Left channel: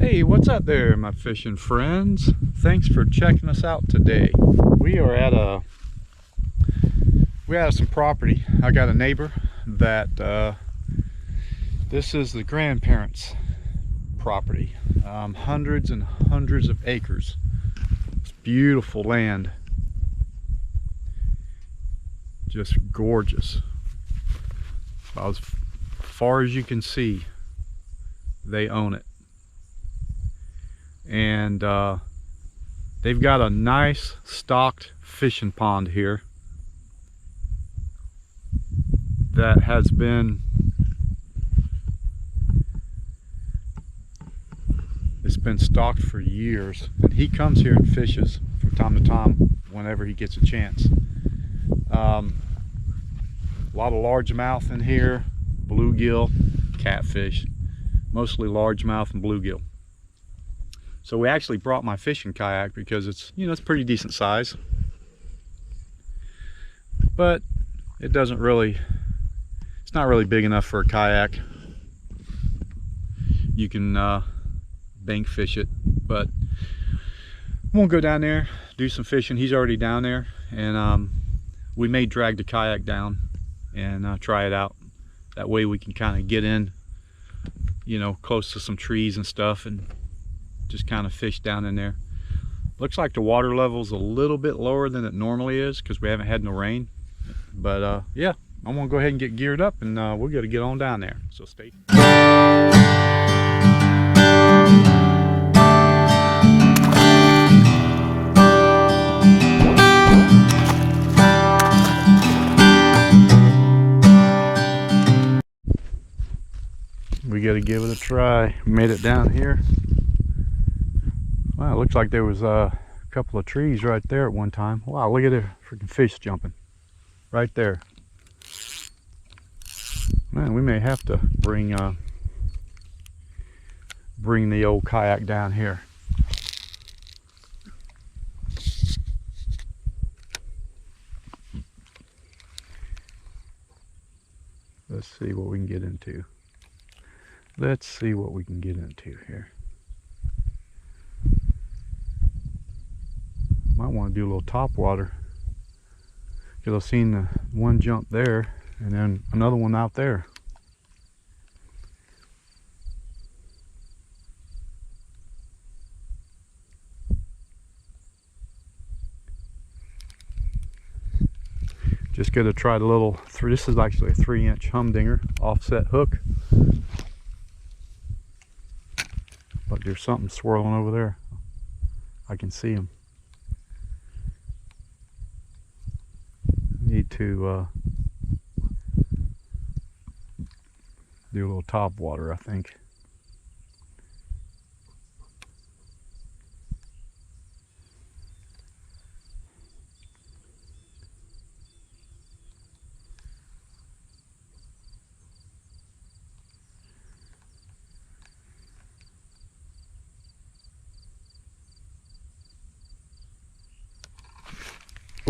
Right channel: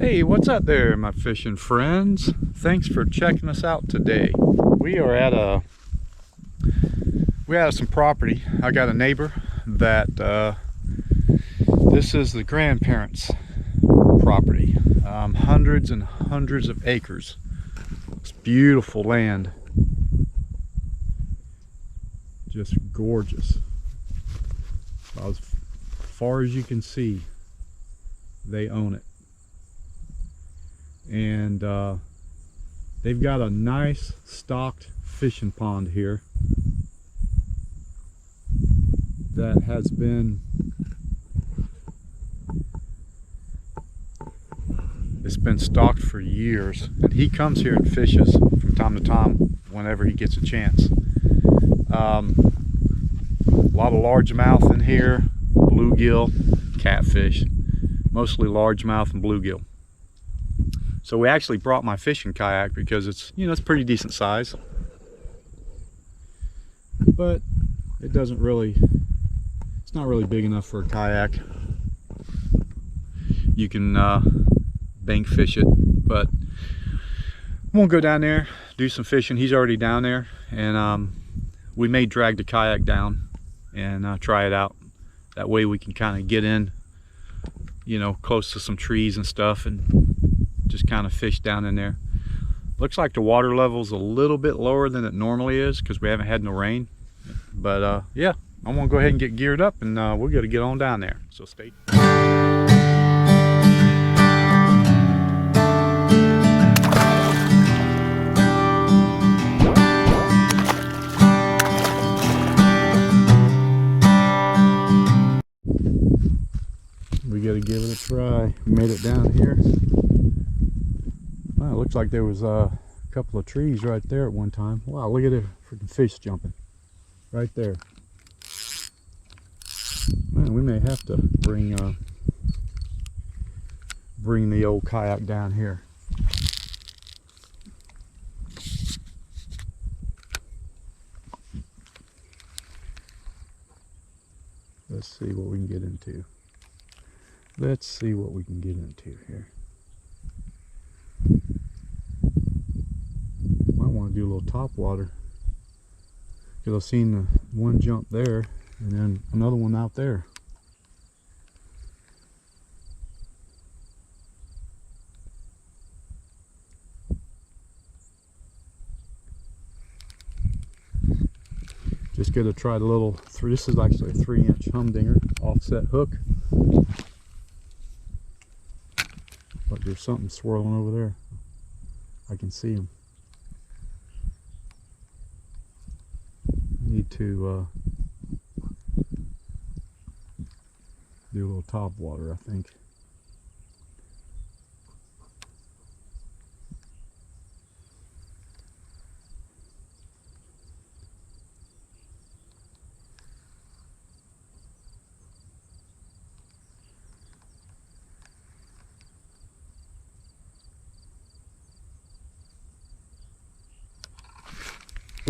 Hey, what's up there, my fishing friends? Thanks for checking us out today. We are at some property. I got a neighbor that this is the grandparents' property. Hundreds and hundreds of acres. It's beautiful land. Just gorgeous. About as far as you can see, they own it. And they've got a nice stocked fishing pond here that has been stocked for years, and he comes here and fishes from time to time whenever he gets a chance. A lot of largemouth in here, bluegill, catfish, mostly largemouth and bluegill. So we actually brought my fishing kayak because it's pretty decent size, but it's not really big enough for a kayak. You can bank fish it, but I won't go down there, do some fishing. He's already down there, and we may drag the kayak down and try it out. That way we can kind of get in, close to some trees and stuff, and just kind of fish down in there. Looks like the water level's a little bit lower than it normally is because we haven't had no rain. But yeah, I'm gonna go ahead and get geared up, and we're gonna get on down there. So stay tuned. We gotta give it a try. Made it down here. Wow, it looks like there was a couple of trees right there at one time. Wow, look at the freaking fish jumping right there. Man, we may have to bring the old kayak down here. Let's see what we can get into. Let's see what we can get into here. Might want to do a little top water, because I've seen the one jump there and then another one out there. Just gonna try the little this is actually a 3-inch humdinger offset hook, but there's something swirling over there. I can see him. Need to do a little top water, I think.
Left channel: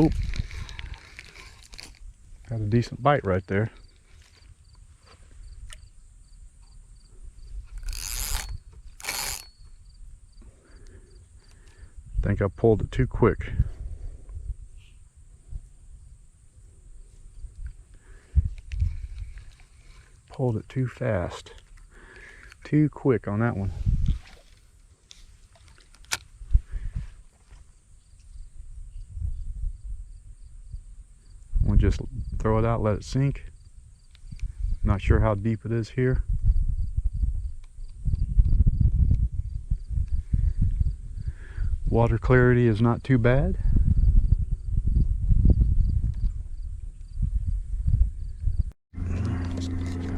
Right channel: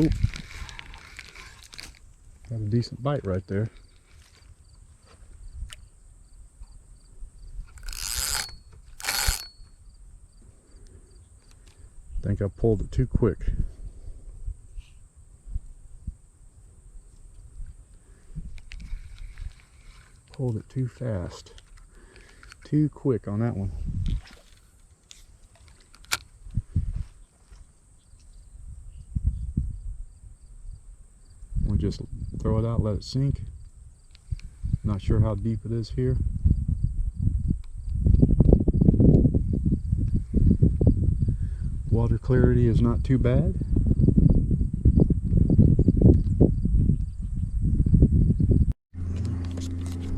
Oop. Got a decent bite right there. Think I pulled it too quick. Pulled it too fast. Too quick on that one. We'll just throw it out, let it sink. Not sure how deep it is here. Water clarity is not too bad.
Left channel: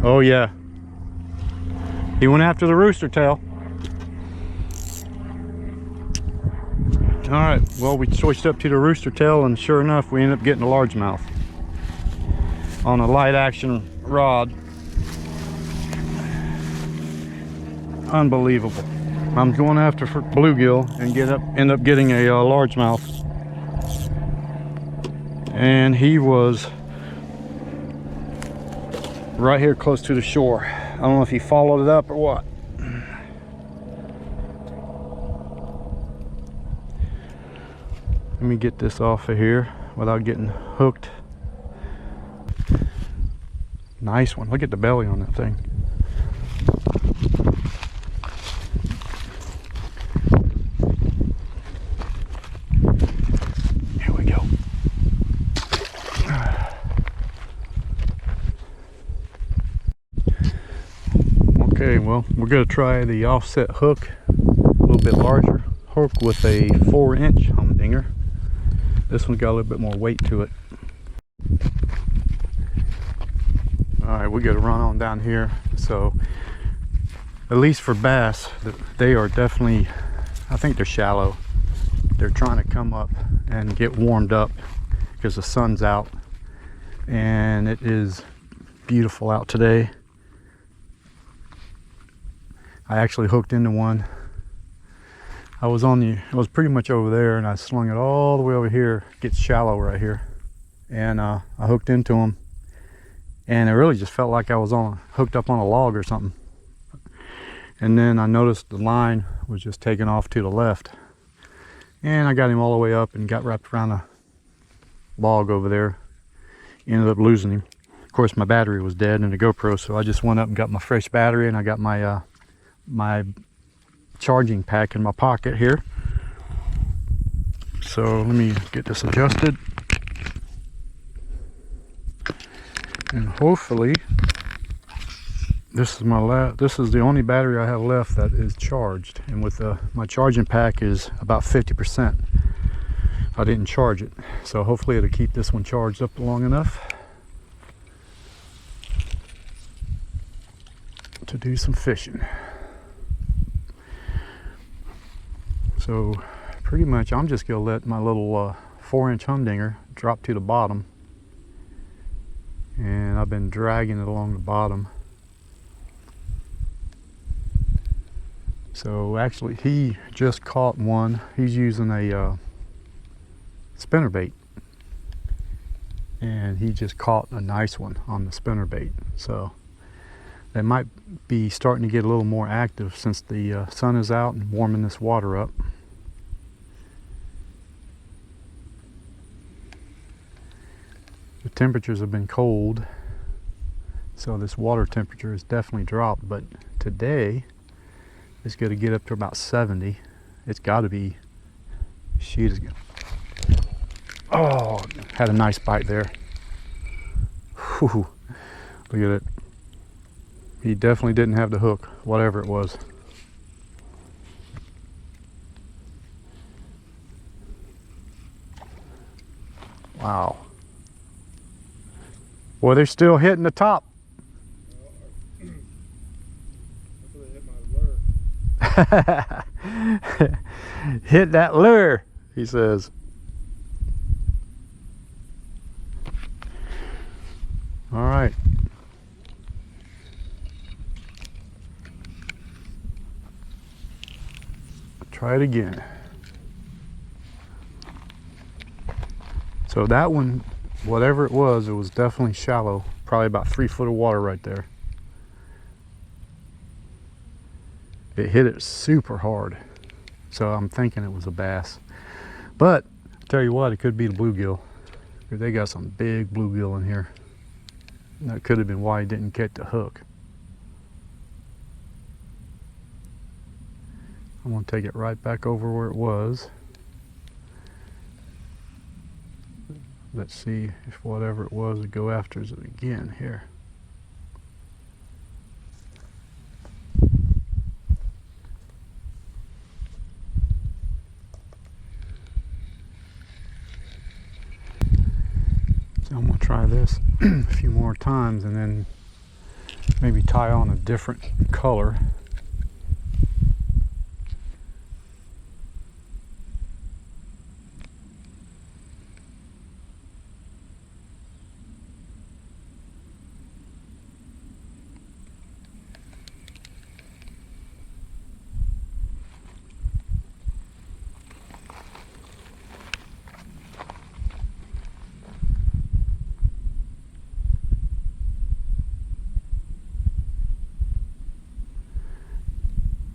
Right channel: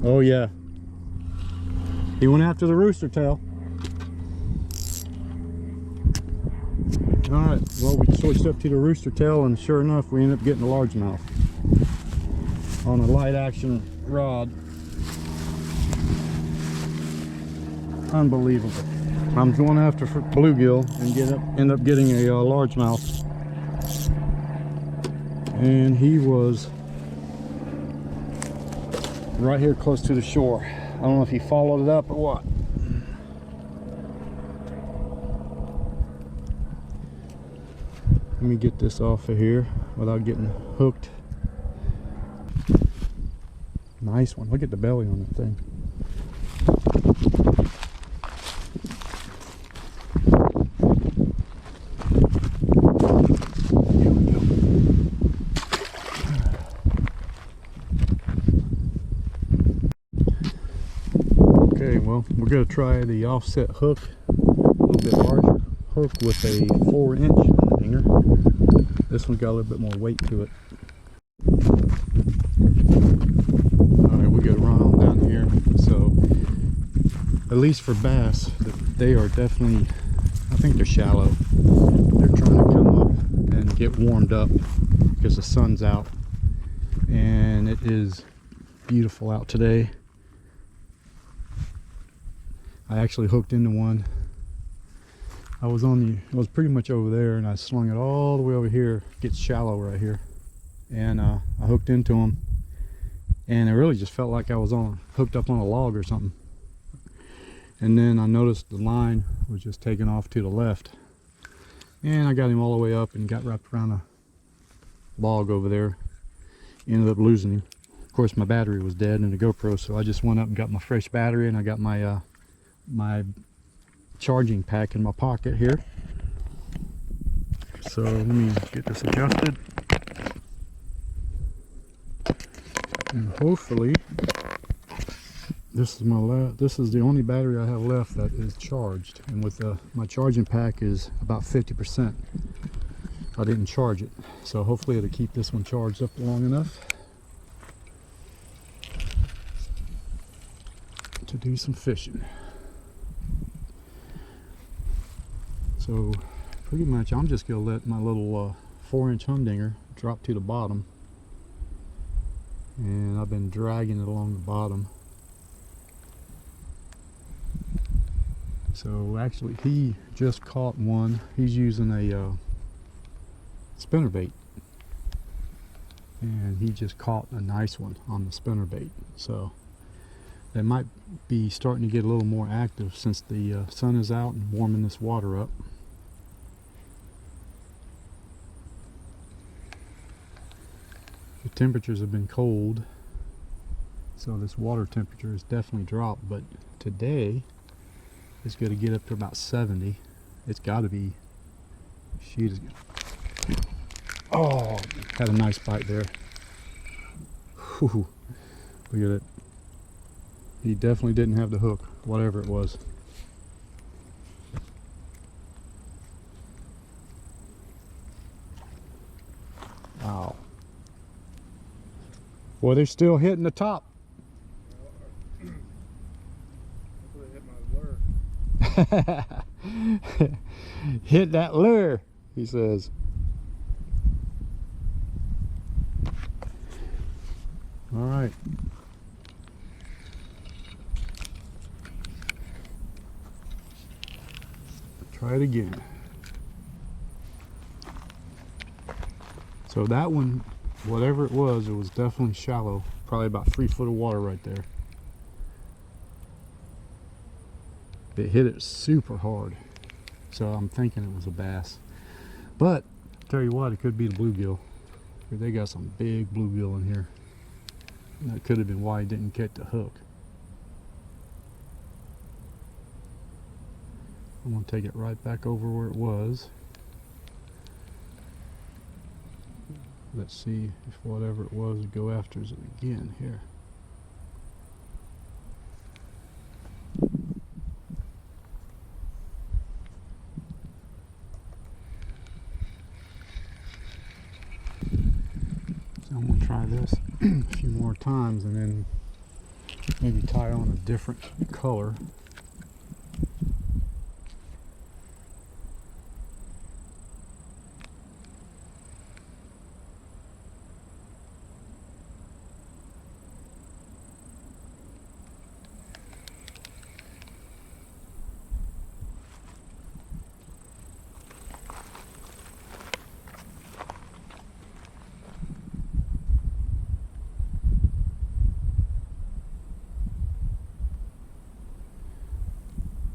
Oh yeah, he went after the rooster tail. All right, well, we switched up to the rooster tail, and sure enough, we ended up getting a largemouth on a light action rod. Unbelievable. I'm going after for bluegill and end up getting a largemouth, and he was right here close to the shore. I don't know if he followed it up or what. Let me get this off of here without getting hooked. Nice one. Look at the belly on that thing. Here we go. Okay, well, we're going to try the offset hook, a little bit larger hook with a 4-inch humdinger. This one's got a little bit more weight to it. Alright, we got to run on down here. So, at least for bass, they are definitely, I think they're shallow. They're trying to come up and get warmed up because the sun's out. And it is beautiful out today. I actually hooked into one. I was pretty much over there, and I slung it all the way over here. It gets shallow right here, and I hooked into him, and it really just felt like I was hooked up on a log or something. And then I noticed the line was just taking off to the left, and I got him all the way up and got wrapped around a log over there. Ended up losing him. Of course, my battery was dead in the GoPro, so I just went up and got my fresh battery, and I got my my charging pack in my pocket here. So let me get this adjusted, and hopefully this is the only battery I have left that is charged, and with my charging pack is about 50%. I didn't charge it, so hopefully it'll keep this one charged up long enough to do some fishing. So pretty much I'm just gonna let my little 4-inch humdinger drop to the bottom, and I've been dragging it along the bottom. So actually he just caught one. He's using a spinnerbait, and he just caught a nice one on the spinnerbait. So they might be starting to get a little more active since the sun is out and warming this water up. The temperatures have been cold, so this water temperature has definitely dropped, but today it's going to get up to about 70. It's got to be, oh, had a nice bite there. Whew, look at it. He definitely didn't have the hook, whatever it was. Wow. Well, they're still hitting the top. Hit that lure, he says. All right. Try it again. So that one, whatever it was definitely shallow. Probably about 3 foot of water right there. It hit it super hard, so I'm thinking it was a bass. But tell you what, it could be the bluegill. They got some big bluegill in here. That could have been why he didn't get the hook. I'm going to take it right back over where it was. Let's see if whatever it was would go after it again here. So I'm going to try this a few more times and then maybe tie on a different color.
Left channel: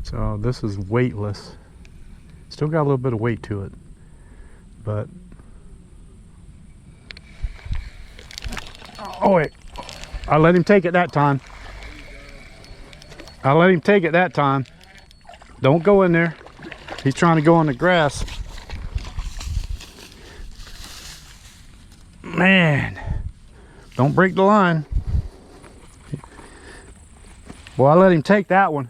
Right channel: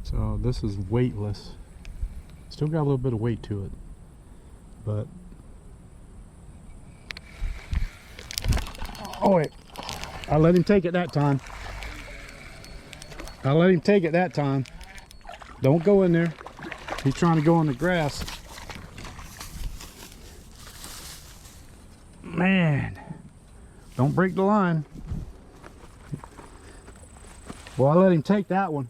So this is weightless. Still got a little bit of weight to it, But oh wait, I let him take it that time. I let him take it that time. Don't go in there. He's trying to go in the grass. Man, don't break the line. Well, I let him take that one.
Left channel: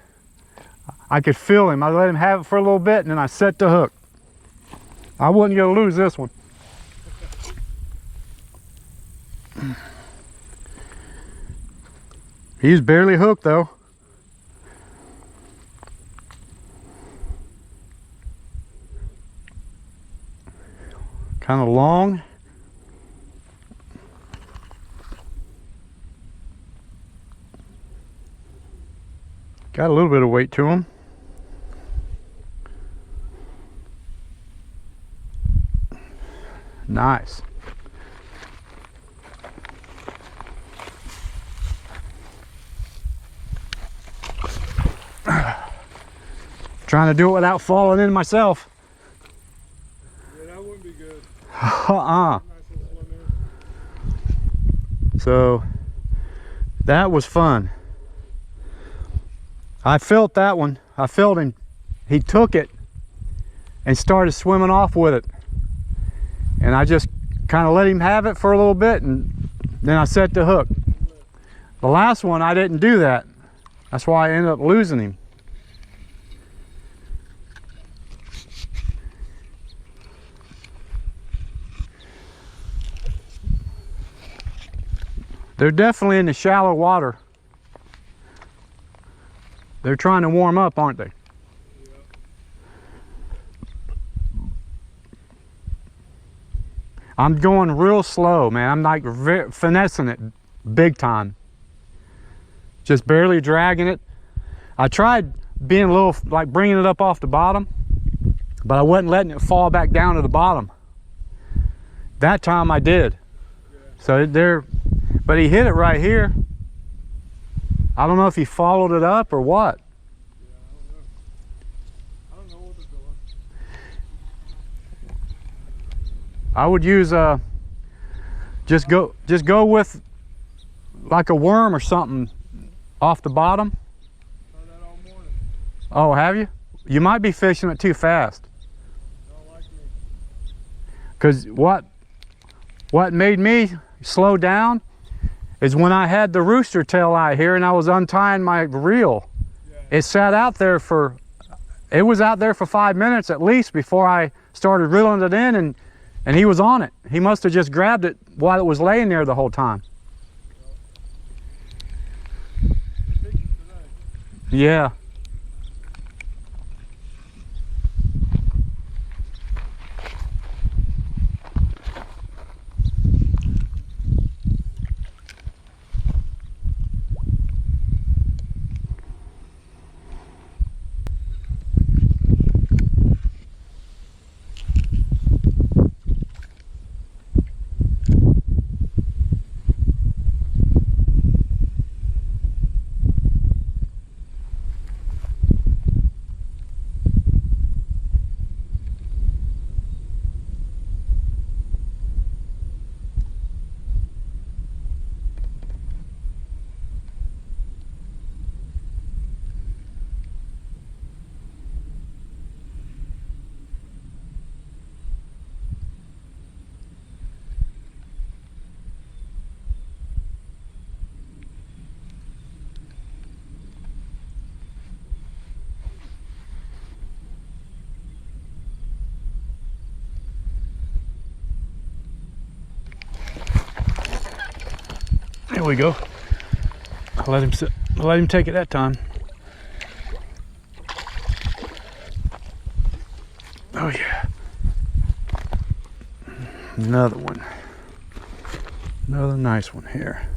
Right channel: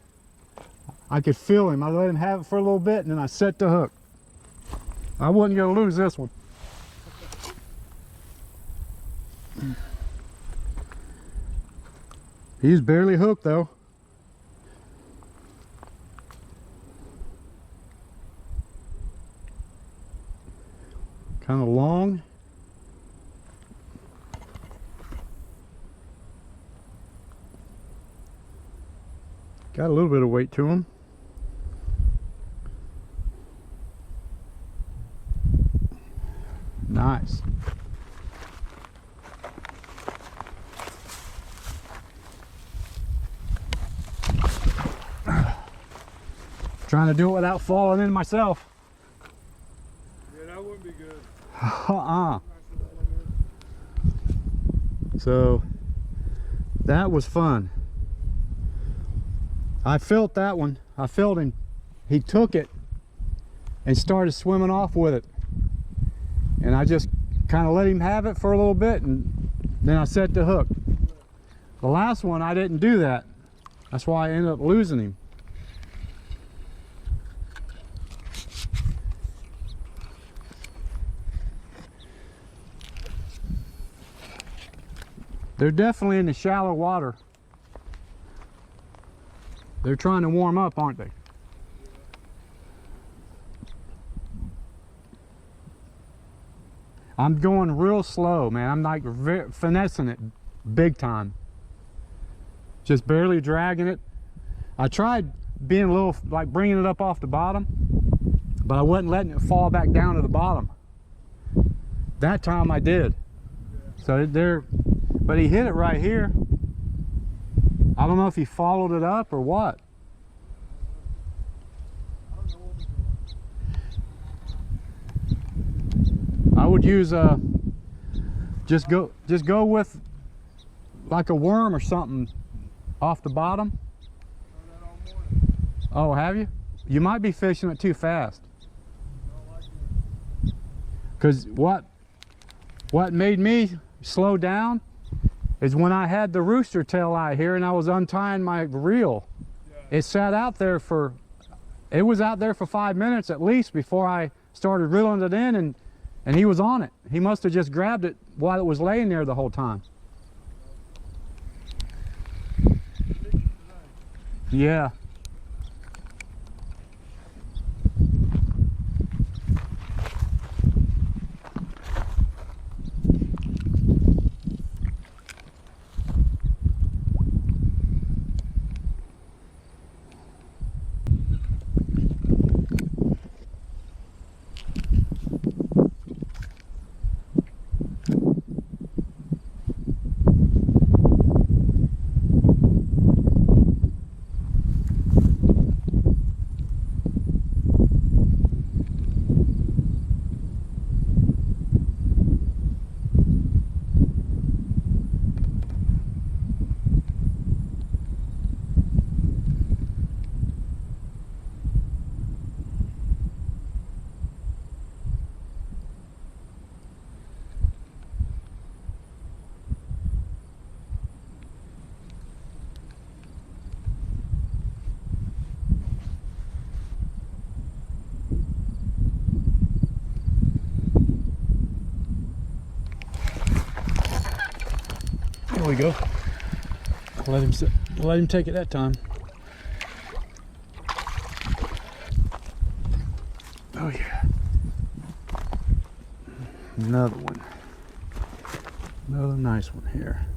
I could feel him. I let him have it for a little bit, and then I set the hook. I wasn't going to lose this one. He's barely hooked though. Kind of long. Got a little bit of weight to him. Nice. Trying to do it without falling in myself. Yeah, that wouldn't be good. So that was fun. I felt that one. I felt him. He took it and started swimming off with it. And I just kind of let him have it for a little bit, and then I set the hook. The last one, I didn't do that. That's why I ended up losing him. They're definitely in the shallow water. They're trying to warm up, aren't they? I'm going real slow, man. I'm like finessing it big time. Just barely dragging it. I tried being a little, like bringing it up off the bottom, but I wasn't letting it fall back down to the bottom. That time I did. So but he hit it right here. I don't know if he followed it up or what. I don't know what was going on. I would use just go with like a worm or something off the bottom. Tried that all morning. Oh, have you? You might be fishing it too fast. Don't like me. Because what made me slow down is when I had the rooster tail out here and I was untying my reel. Yeah. It sat out there it was out there for 5 minutes at least before I started reeling it in, and he was on it. He must have just grabbed it while it was laying there the whole time. Yeah. There we go. I let him take it that time. Oh yeah. Another one. Another nice one here.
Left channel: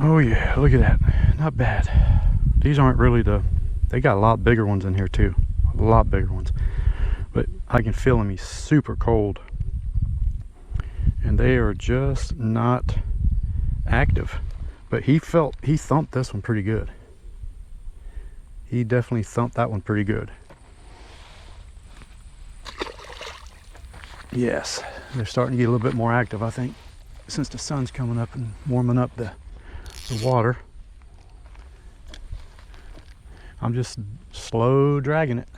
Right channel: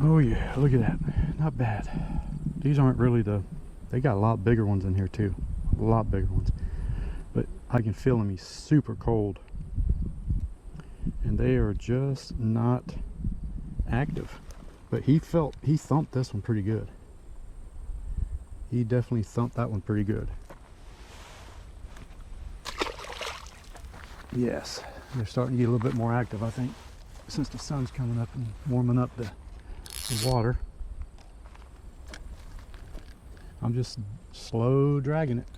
Oh yeah, look at that. Not bad. These aren't really they got a lot bigger ones in here too. A lot bigger ones. But I can feel them. He's super cold. And they are just not active. But he thumped this one pretty good. He definitely thumped that one pretty good. Yes, they're starting to get a little bit more active, I think, since the sun's coming up and warming up the water. I'm just slow dragging it.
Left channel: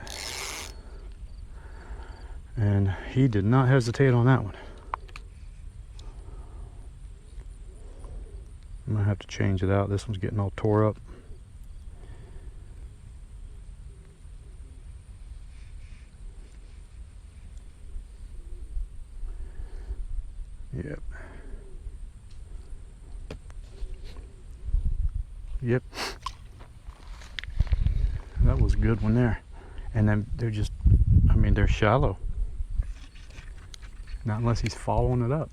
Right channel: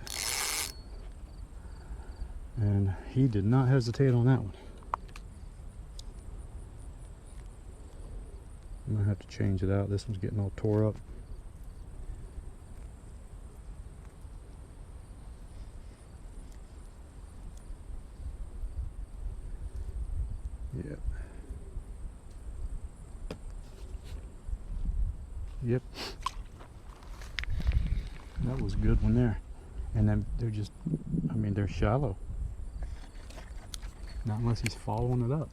And he did not hesitate on that one. I'm gonna have to change it out. This one's getting all tore up. Yep. Yep. That was a good one there. And then they're just, I mean, they're shallow. Not unless he's following it up.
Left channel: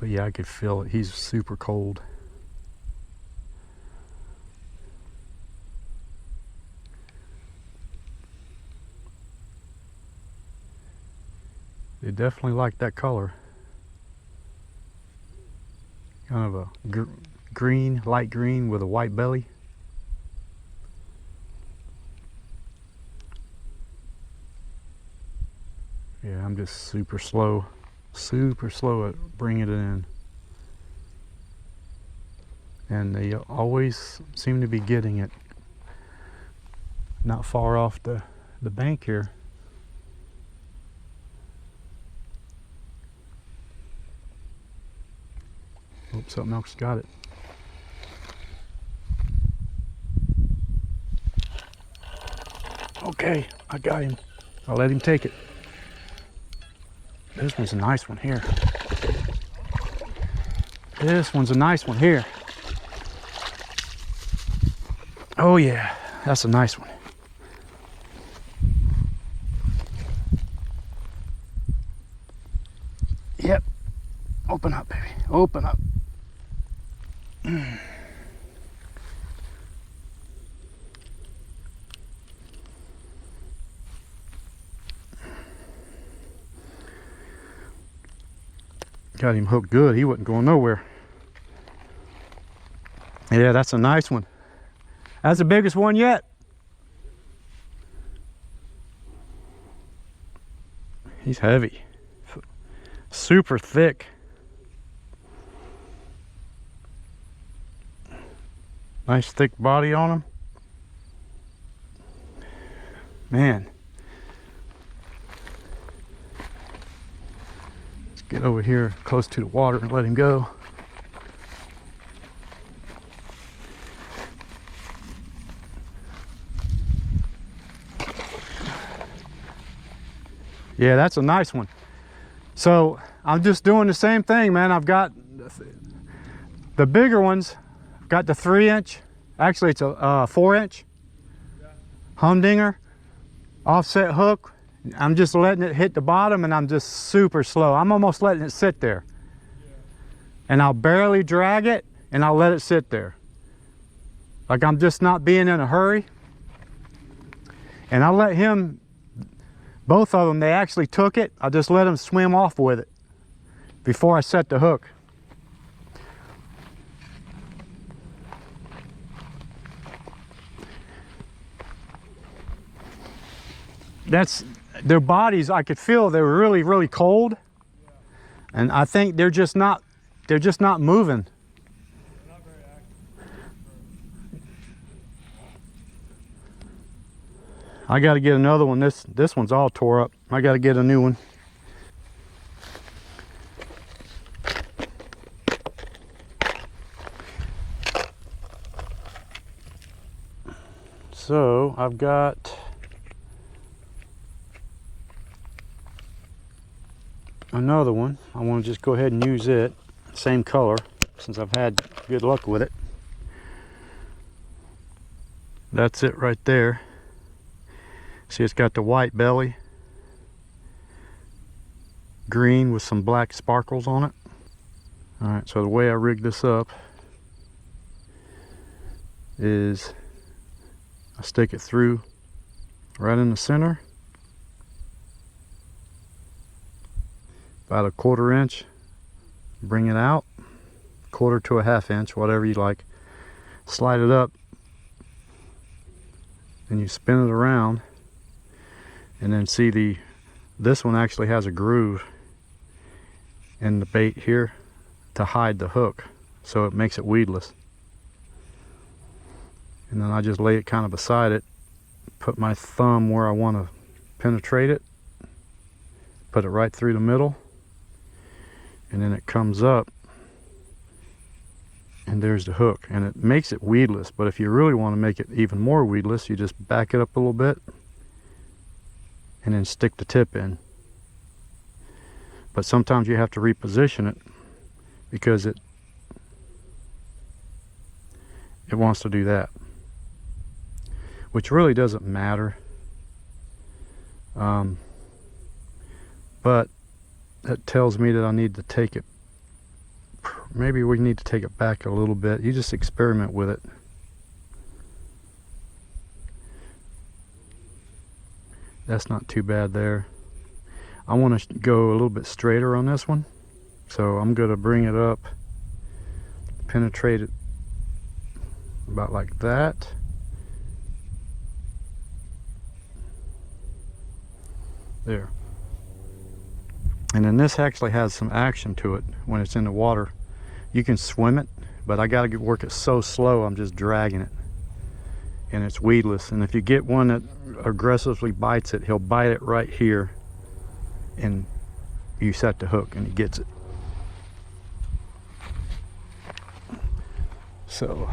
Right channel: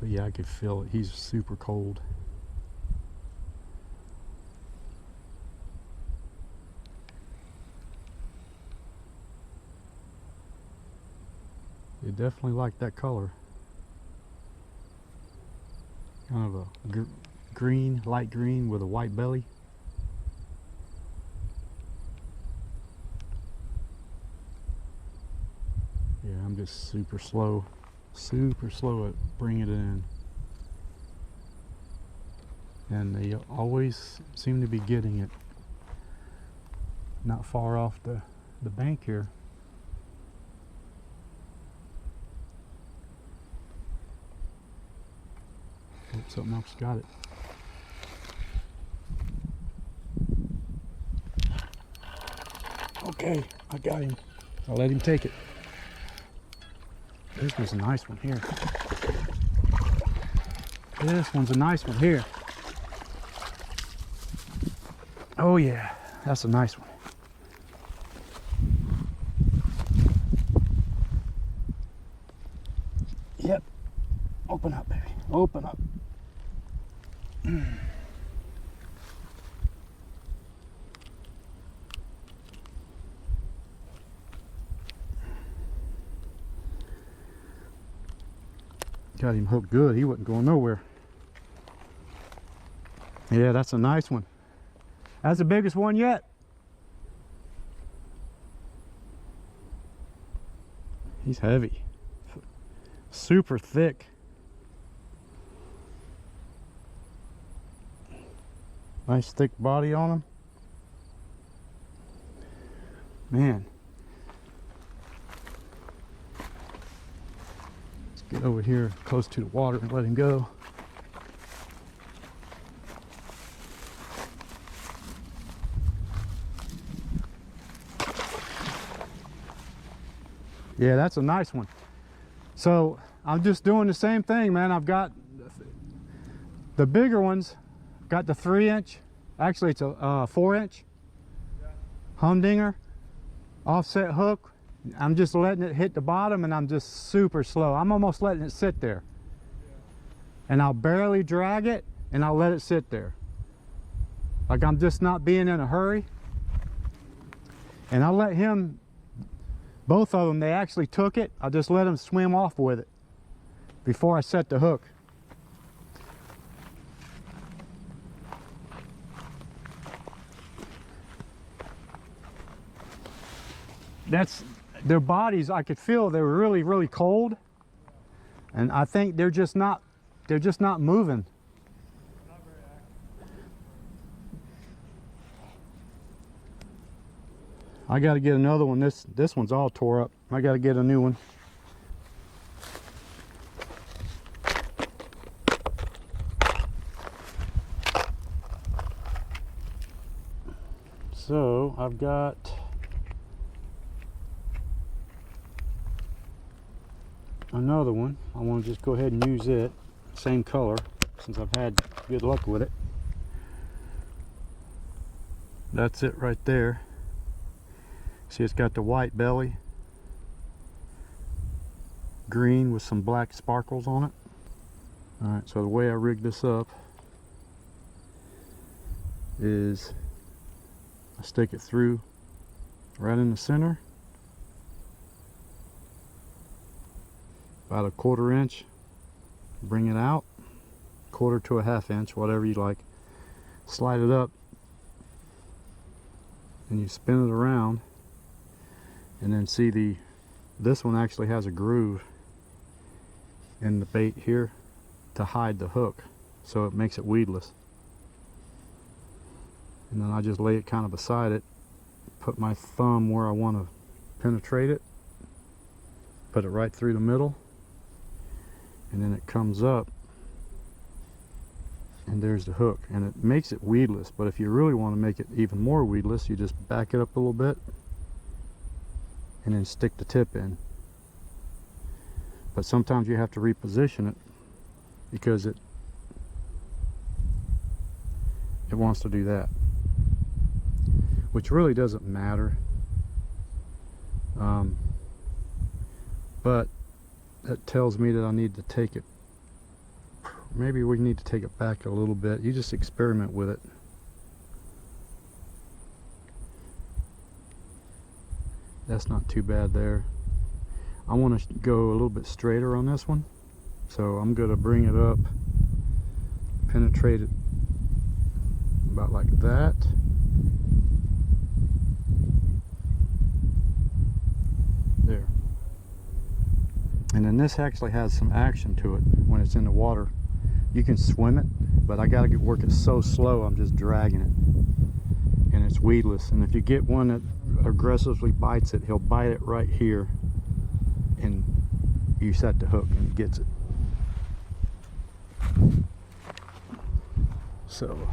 But yeah, I could feel it. He's super cold. They definitely like that color. Kind of a green, light green with a white belly. Yeah, I'm just super slow at bringing it in. And they always seem to be getting it not far off the bank here. Oh, something else got it. Okay, I got him. I'll let him take it. This one's a nice one here. This one's a nice one here. Oh yeah, that's a nice one. Yep. Open up, baby. Open up. Got him hooked good. He wasn't going nowhere. Yeah, that's a nice one. That's the biggest one yet. He's heavy. Super thick. Nice thick body on him. Man. Let's get over here close to the water and let him go. Yeah, that's a nice one. So I'm just doing the same thing, man. I've got the bigger ones. Got the 3-inch. Actually, it's a 4-inch humdinger offset hook. I'm just letting it hit the bottom, and I'm just super slow. I'm almost letting it sit there. And I'll barely drag it, and I'll let it sit there. Like I'm just not being in a hurry. And I'll let him, both of them, they actually took it. I just let them swim off with it before I set the hook. That's their bodies. I could feel they were really, really cold, and I think they're just not moving. They're not very active. I got to get another one. This one's all tore up. I got to get a new one. So I've got another one. I want to just go ahead and use it. Same color, since I've had good luck with it. That's it right there. See, it's got the white belly, green with some black sparkles on it. All right, so the way I rig this up is I stick it through right in the center, about a 1/4 inch, bring it out, 1/4 to a 1/2 inch, whatever you like. Slide it up, and you spin it around, and then see this one actually has a groove in the bait here to hide the hook, so it makes it weedless. And then I just lay it kind of beside it, put my thumb where I want to penetrate it, put it right through the middle, and then it comes up, and there's the hook, and it makes it weedless. But if you really want to make it even more weedless, you just back it up a little bit and then stick the tip in. But sometimes you have to reposition it because it wants to do that, which really doesn't matter. But that tells me that I need to take it, maybe we need to take it back a little bit. You just experiment with it. That's not too bad there. I want to go a little bit straighter on this one, so I'm going to bring it up, penetrate it about like that. There. And then this actually has some action to it when it's in the water. You can swim it, but I got to work it so slow, I'm just dragging it. And it's weedless. And if you get one that aggressively bites it, he'll bite it right here, and you set the hook and he gets it. So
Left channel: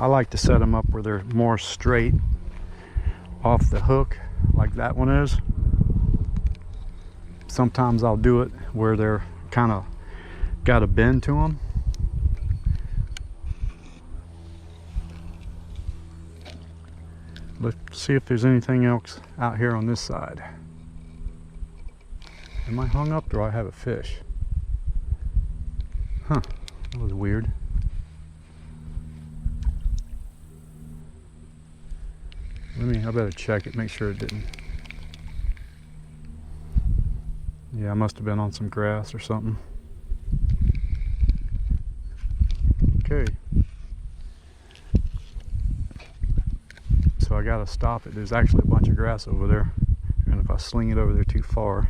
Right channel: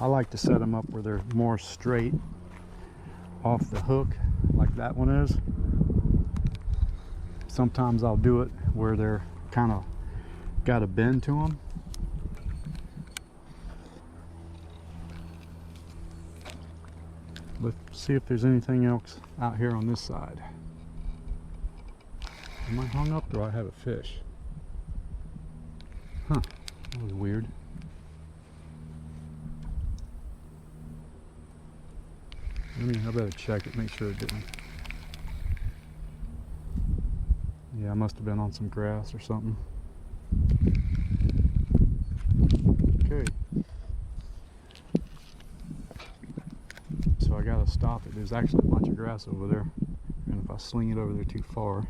I like to set them up where they're more straight off the hook, like that one is. Sometimes I'll do it where they're kind of got a bend to them. Let's see if there's anything else out here on this side. Am I hung up, or do I have a fish? Huh, that was weird. I better check it, make sure it didn't. Yeah, I must have been on some grass or something. Okay. So I gotta stop it. There's actually a bunch of grass over there, and if I sling it over there too far,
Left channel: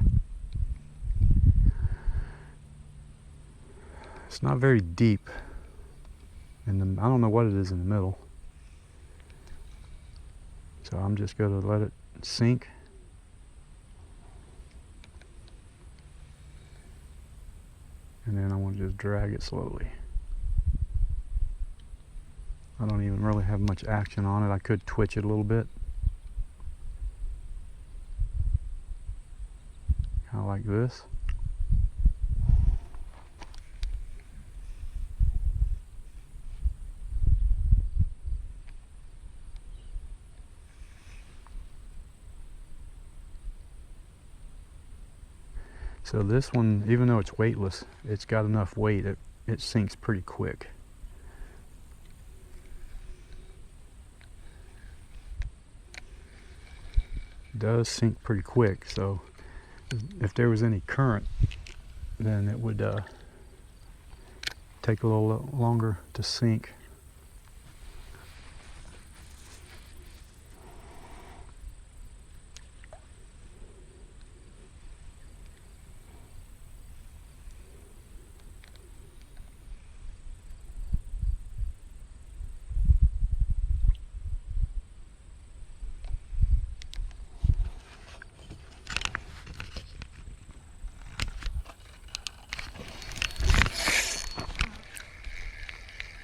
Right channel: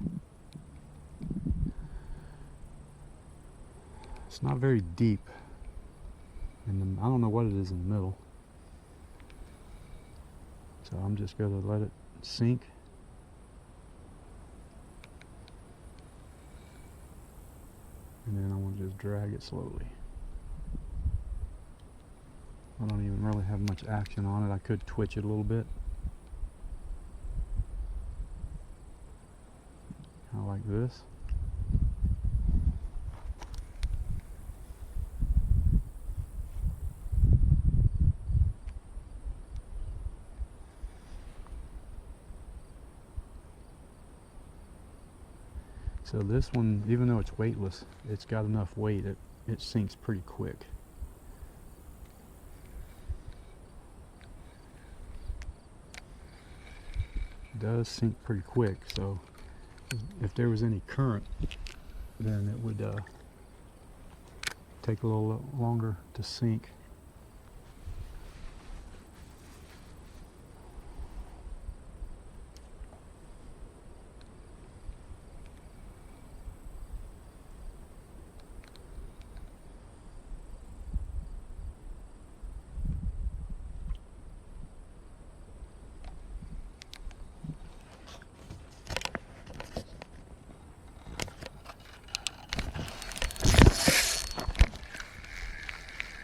it's not very deep. And I don't know what it is in the middle. So I'm just gonna let it sink. And then I want to just drag it slowly. I don't even really have much action on it. I could twitch it a little bit. Kind of like this. So this one, even though it's weightless, it's got enough weight, it sinks pretty quick. It does sink pretty quick, so if there was any current, then it would take a little longer to sink.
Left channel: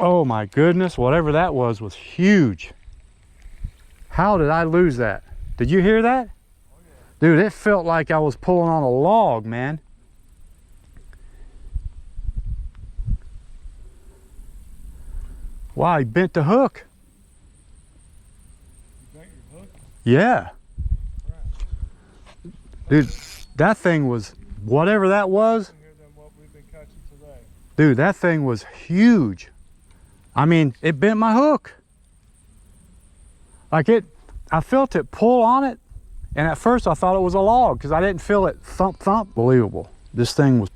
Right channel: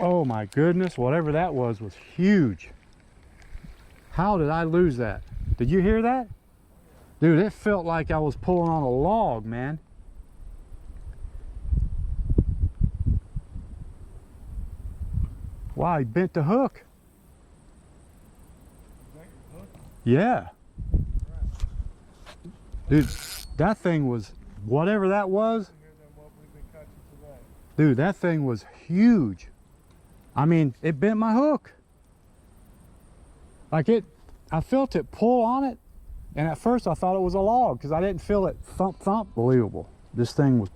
Oh my goodness, whatever that was huge. How did I lose that? Did you hear that? Oh, yeah. Dude, it felt like I was pulling on a log, man. Wow, he bent the hook. You bent your hook? Yeah. Crap. Dude, that thing was, whatever that was. Bigger than what we've been catching today. Dude, that thing was huge. I mean, it bent my hook. Like I felt it pull on it, and at first I thought it was a log because I didn't feel it thump thump. Believable. This thing was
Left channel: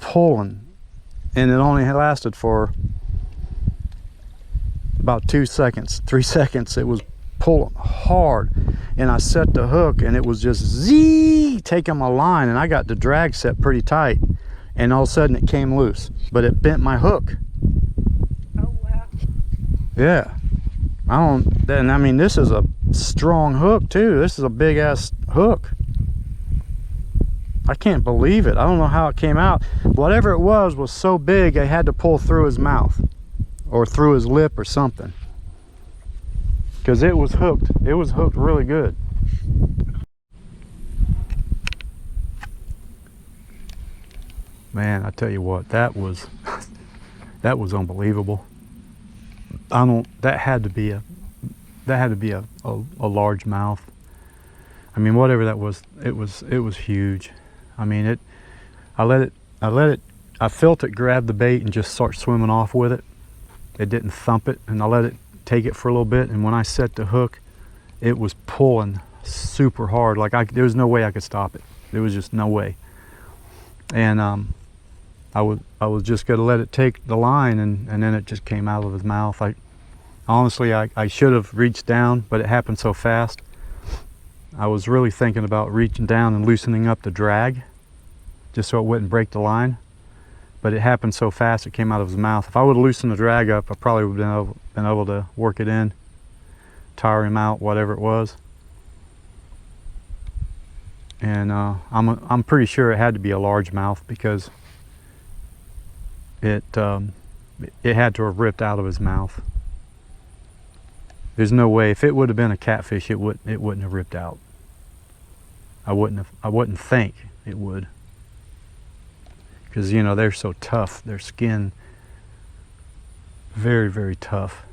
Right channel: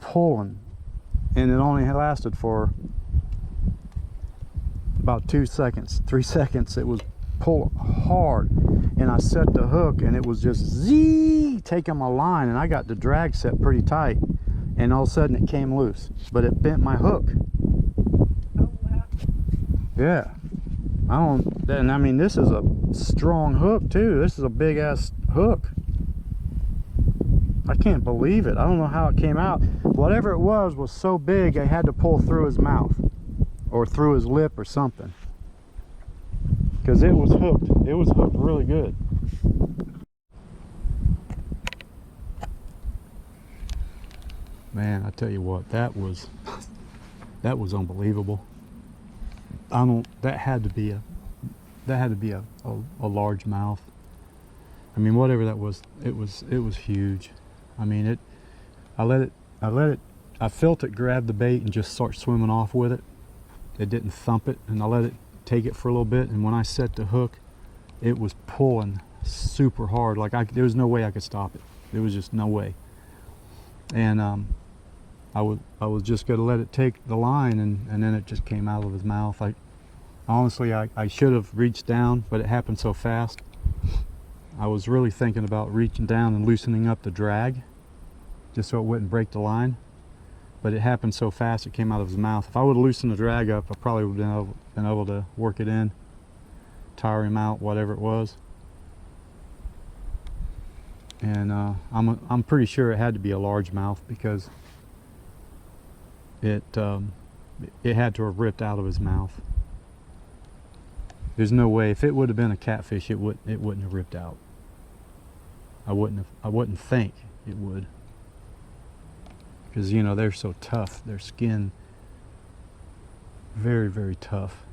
pulling, and it only lasted for about 2 seconds, 3 seconds. It was pulling hard, and I set the hook and it was just taking my line, and I got the drag set pretty tight, and all of a sudden it came loose, but it bent my hook. Oh, wow. Yeah, and I mean, this is a strong hook too. This is a big ass hook. I can't believe it. I don't know how it came out. Whatever it was so big I had to pull through his mouth or through his lip or something, because it was hooked. It was hooked really good. Man, I tell you what, that was unbelievable. That had to be a largemouth. I mean, whatever that was, it was huge. I mean, I felt it grab the bait and just start swimming off with it. It didn't thump it, and I let it take it for a little bit, and when I set the hook, it was pulling super hard. Like, there was no way I could stop it. There was just no way. And I was just gonna let it take the line, and then it just came out of his mouth. Honestly, I should have reached down, but it happened so fast. I was really thinking about reaching down and loosening up the drag just so it wouldn't break the line, but it happened so fast it came out of his mouth. If I would have loosened the drag up, I probably would have been able to work it in, tire him out, whatever it was. And I'm pretty sure it had to be a largemouth, because it had to have ripped out of his mouth. There's no way. If it would have been a catfish, it wouldn't have ripped out. I wouldn't think it would, because, you know, they're so tough. Their skin, very, very tough.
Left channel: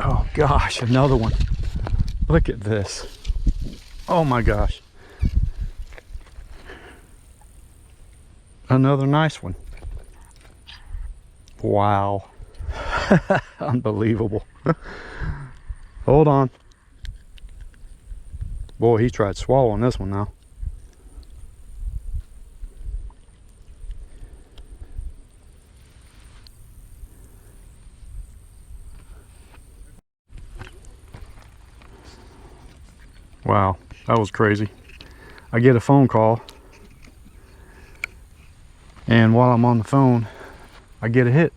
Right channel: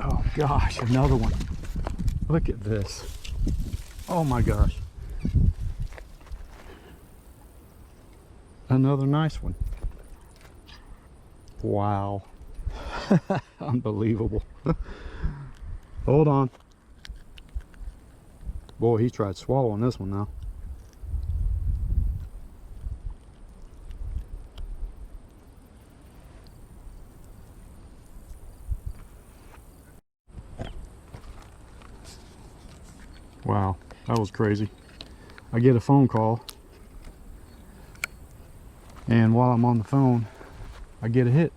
Oh gosh, another one. Look at this. Oh my gosh. Another nice one. Wow. Unbelievable. Hold on. Boy, he tried swallowing this one now. Wow, that was crazy. I get a phone call, and while I'm on the phone, I get a hit.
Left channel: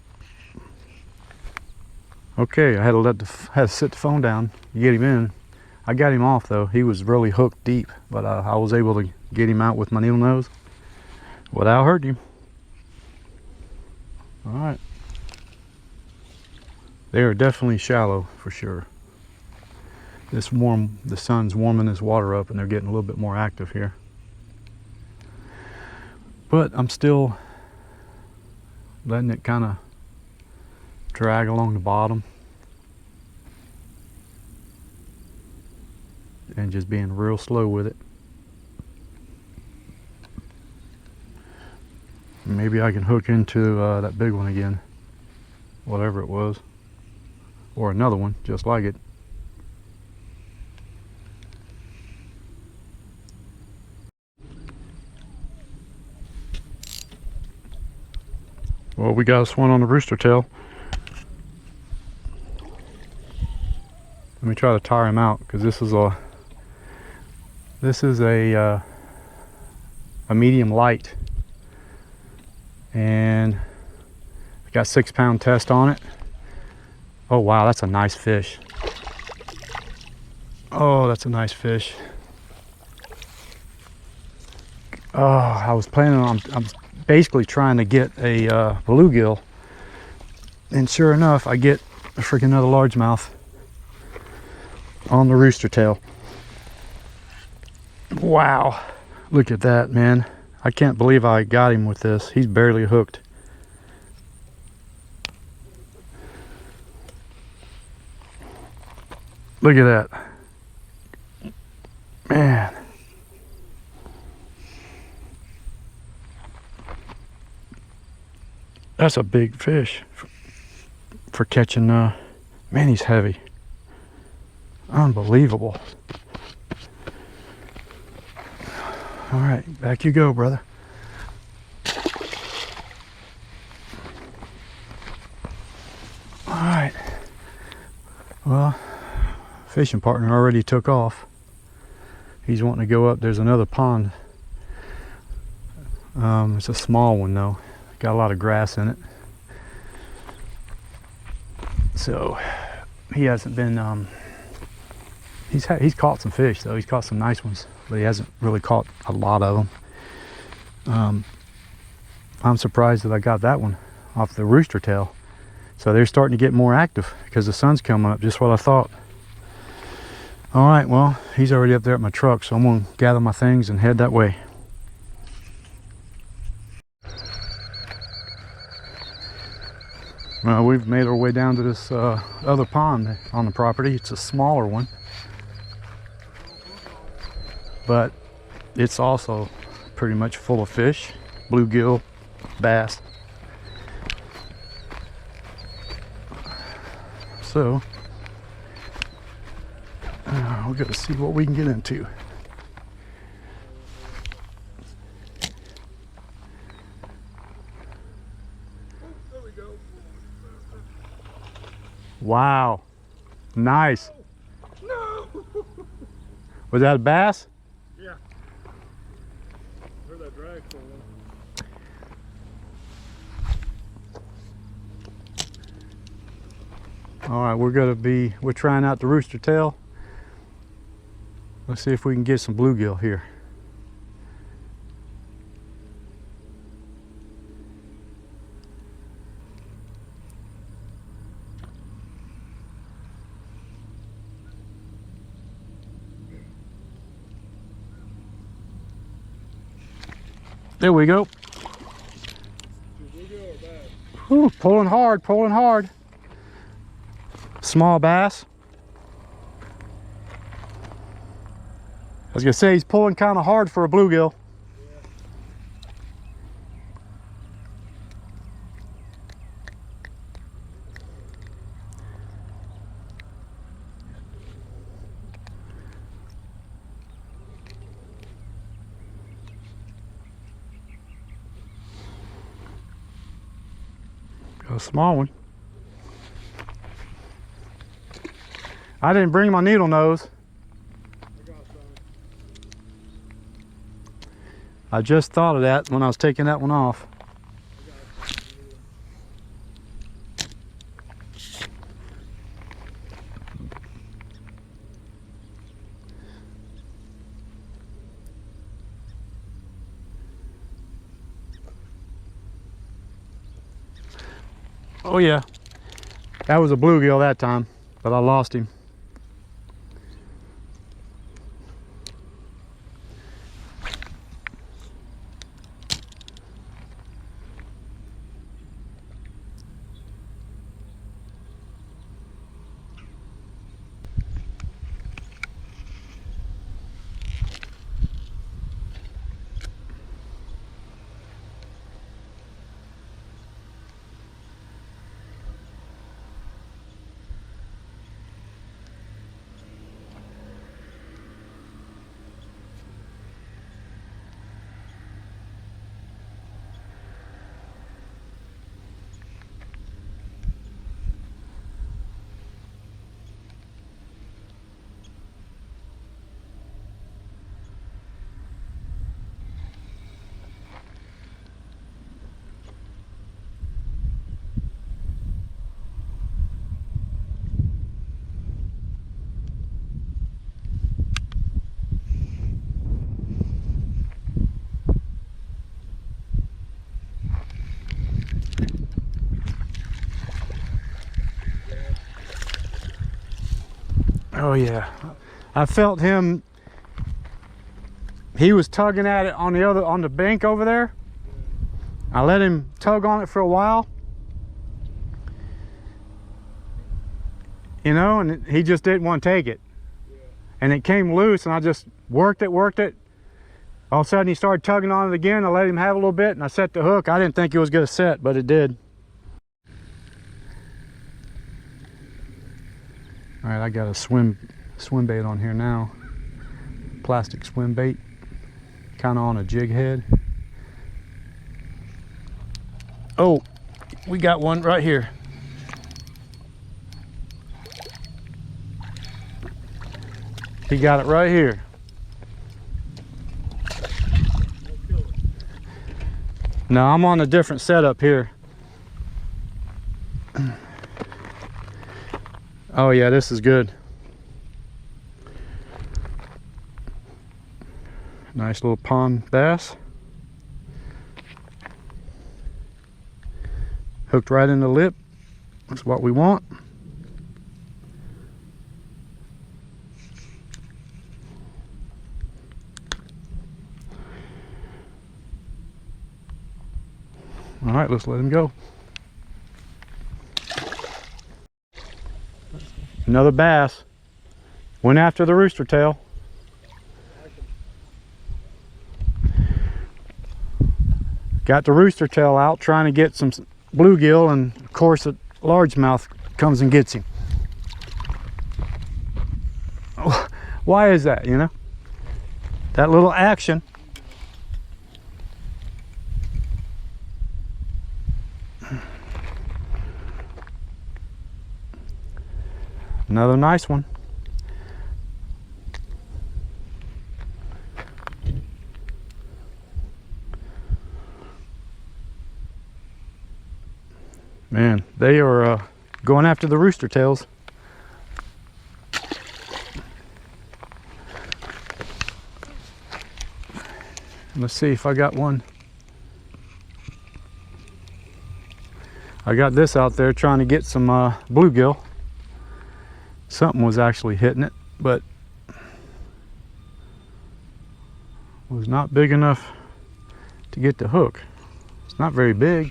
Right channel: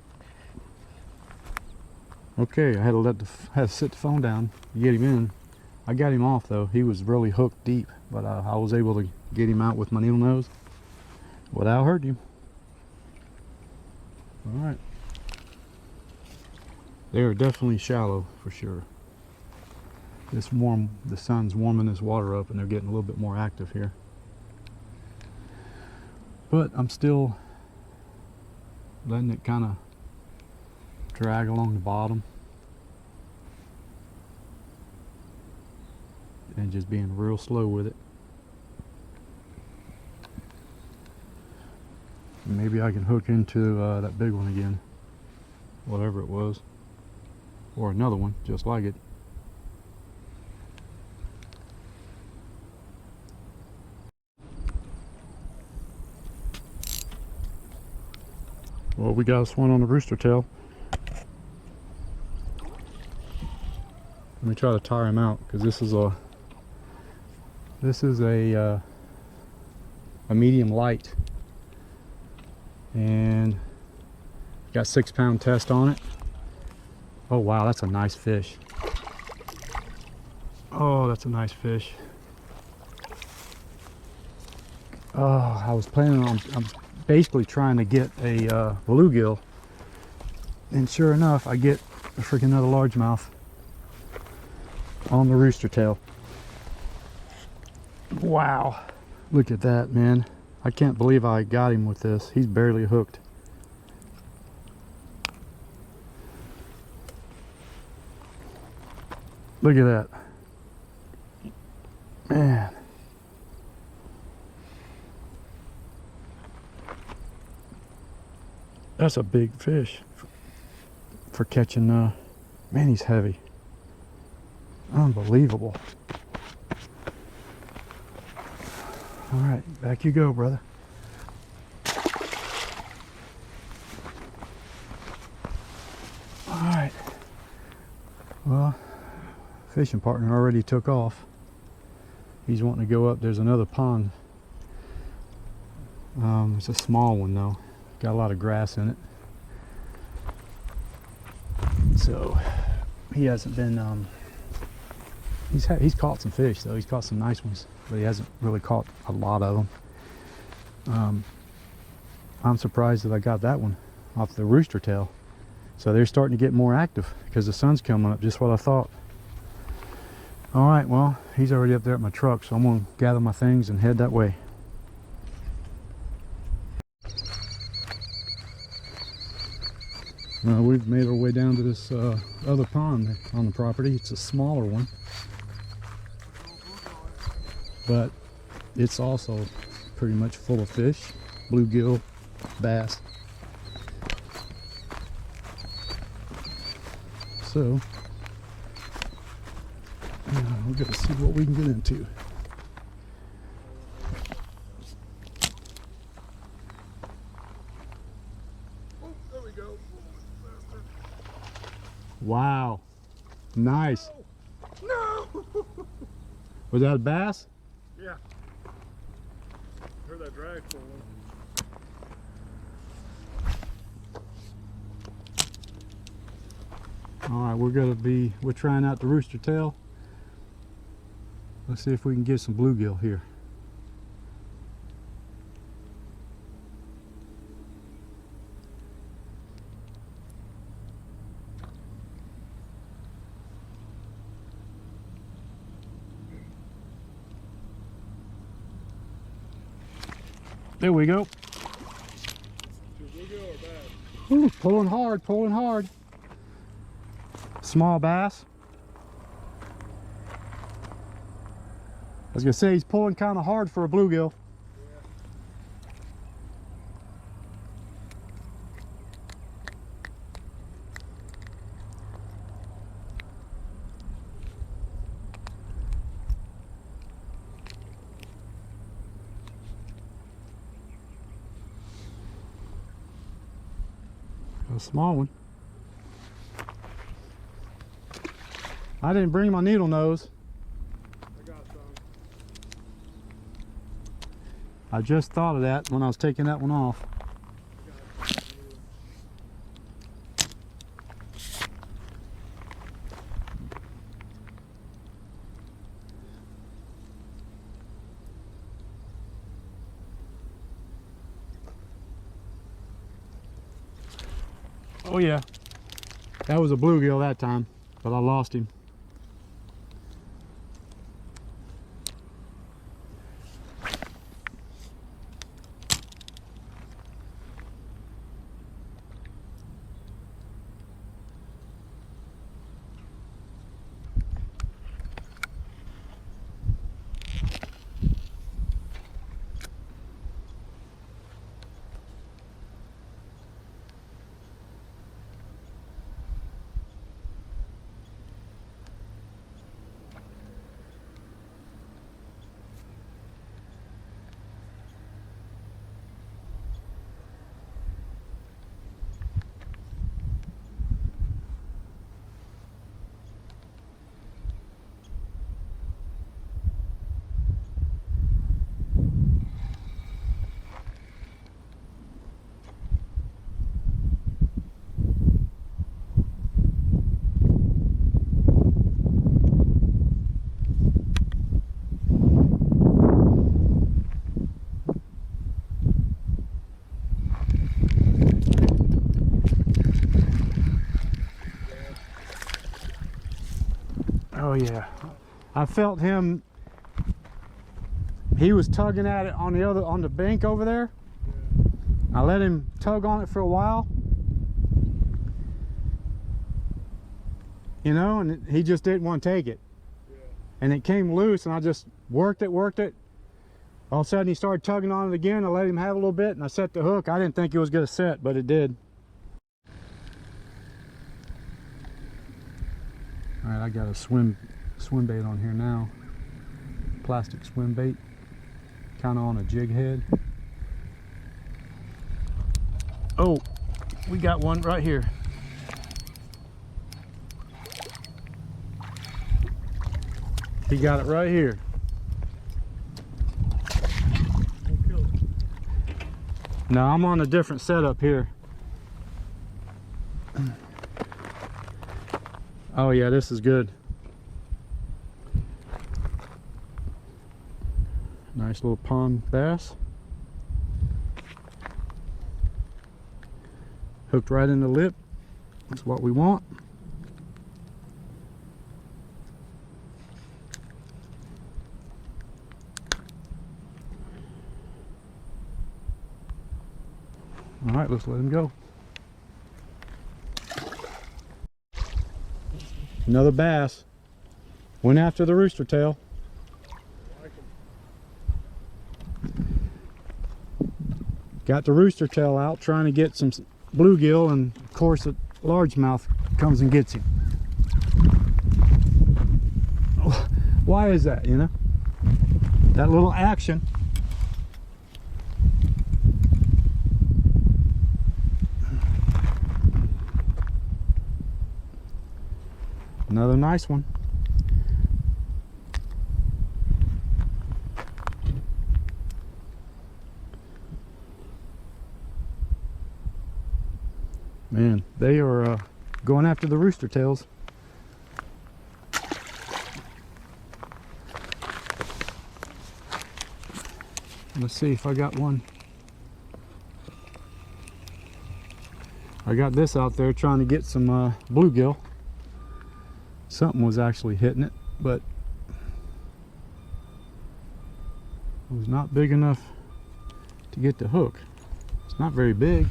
Okay, I had to sit the phone down to get him in. I got him off though. He was really hooked deep, but I was able to get him out with my needle nose without hurting him. All right. They are definitely shallow for sure. The sun's warming this water up, and they're getting a little bit more active here. But I'm still letting it kind of drag along the bottom and just being real slow with it. Maybe I can hook into that big one again, whatever it was, or another one just like it. Well, we got us one on the rooster tail. Let me try to tire him out, because this is a medium light, and got 6 pound test on it. Oh wow, that's a nice fish. Oh, that's a nice fish. Oh, I was planning on, I'm basically trying to get a bluegill, and sure enough, I get a freaking another largemouth on the rooster tail. Wow, look at that, man. I can't believe I got him with this. He's barely hooked. Look at that, man. That's a big fish for catching Man, he's heavy. Unbelievable. All right, back you go, brother. All right. Well, fishing partner already took off. He's wanting to go up. There's another pond. It's a small one though. Got a lot of grass in it. So he hasn't been. He's caught some fish though. He's caught some nice ones, but he hasn't really caught a lot of them. I'm surprised that I got that one off the rooster tail. So they're starting to get more active because the sun's coming up, just what I thought. All right, well, he's already up there at my truck, so I'm gonna gather my things and head that way. Well, we've made our way down to this other pond on the property. It's a smaller one, but it's also pretty much full of fish, bluegill, bass. So we're gonna see what we can get into. There we go. Wow, nice. No! Was that a bass? Yeah. Heard that drag pulling. All right, we're trying out the rooster tail. Let's see if we can get some bluegill here. There we go. Bluegill or bass? Ooh, pulling hard, pulling hard. Small bass. I was gonna say he's pulling kind of hard for a bluegill. A small one. I didn't bring my needle nose. I got some. I just thought of that when I was taking that one off. I got some. Oh yeah, that was a bluegill that time, but I lost him. Oh yeah, I felt him. He was tugging at it on the bank over there. I let him tug on it for a while, you know, and he just didn't want to take it. And it came loose, and I just worked it. All of a sudden he started tugging on it again. I let him have a little bit, and I set the hook. I didn't think it was going to set, but it did. All right, I got a swim bait on here now. Plastic swim bait, kind of on a jig head. Oh, we got one right here. He got it right here. No, I'm on a different setup here. Oh yeah, this is good. Nice little pond bass. Hooked right in the lip. That's what we want. All right, let's let him go. Another bass. Went after the rooster tail. Got the rooster tail out trying to get some bluegill, and of course a largemouth comes and gets him. Why is that, you know? That little action. Another nice one. Man, they are going after the rooster tails. Let's see if I got one. I got this out there trying to get some bluegill. Something was actually hitting it, but was not big enough to get the hook. It's not very big.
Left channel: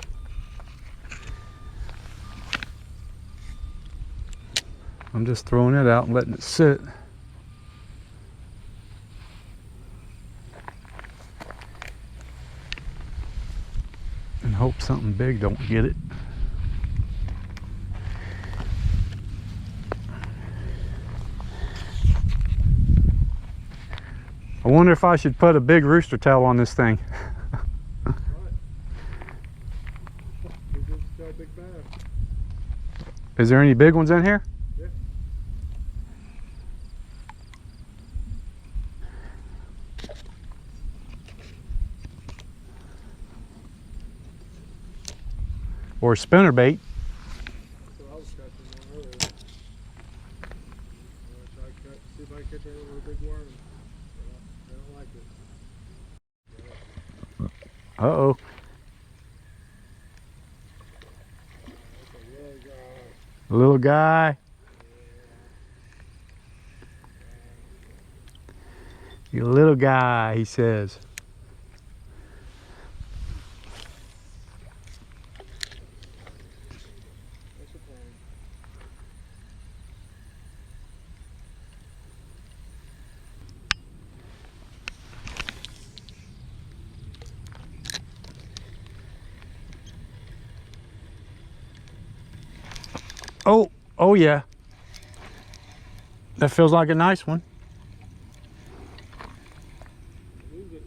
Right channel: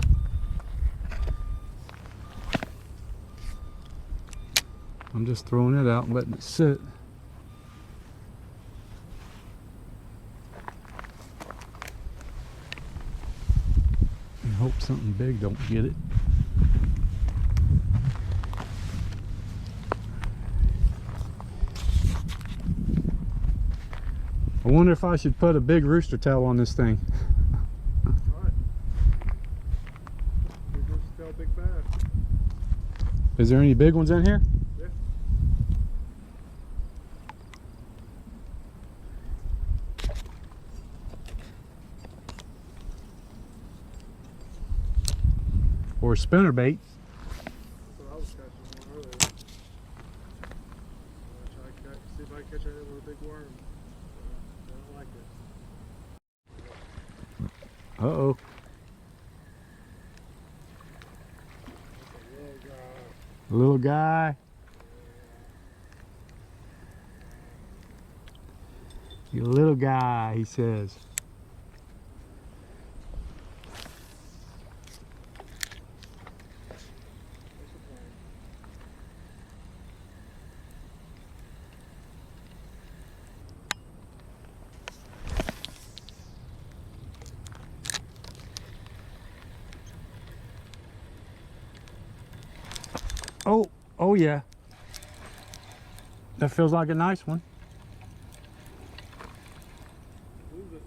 I'm just throwing it out and letting it sit. And hope something big don't get it. I wonder if I should put a big rooster tail on this thing. Right. Big rooster tail, big bass. Is there any big ones in here? Yeah. Or spinner bait? That's what I was catching one earlier. I'm gonna try to see if I can catch anything with a big worm. They don't like it. Uh-oh. That's a little guy. Little guy. You little guy, he says. Thanks for playing. Oh yeah. That feels like a nice one. Lose it.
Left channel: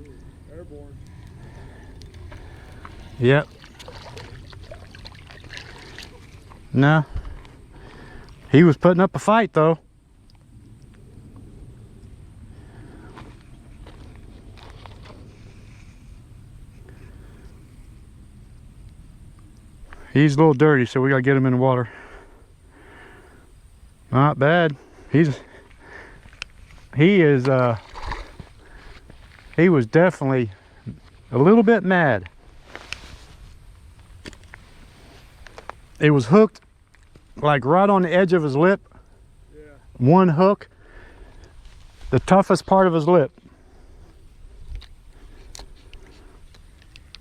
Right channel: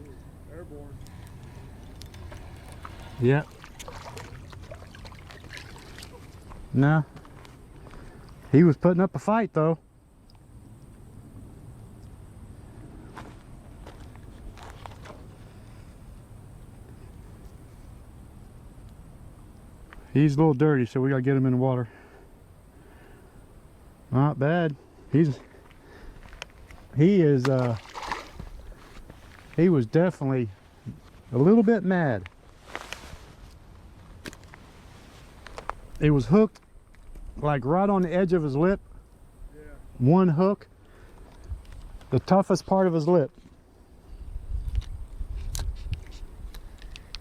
Ooh, airborne. Yep. No. He was putting up a fight though. He's a little dirty, so we gotta get him in the water. Not bad. He was definitely a little bit mad. It was hooked like right on the edge of his lip. Yeah. One hook, the toughest part of his lip.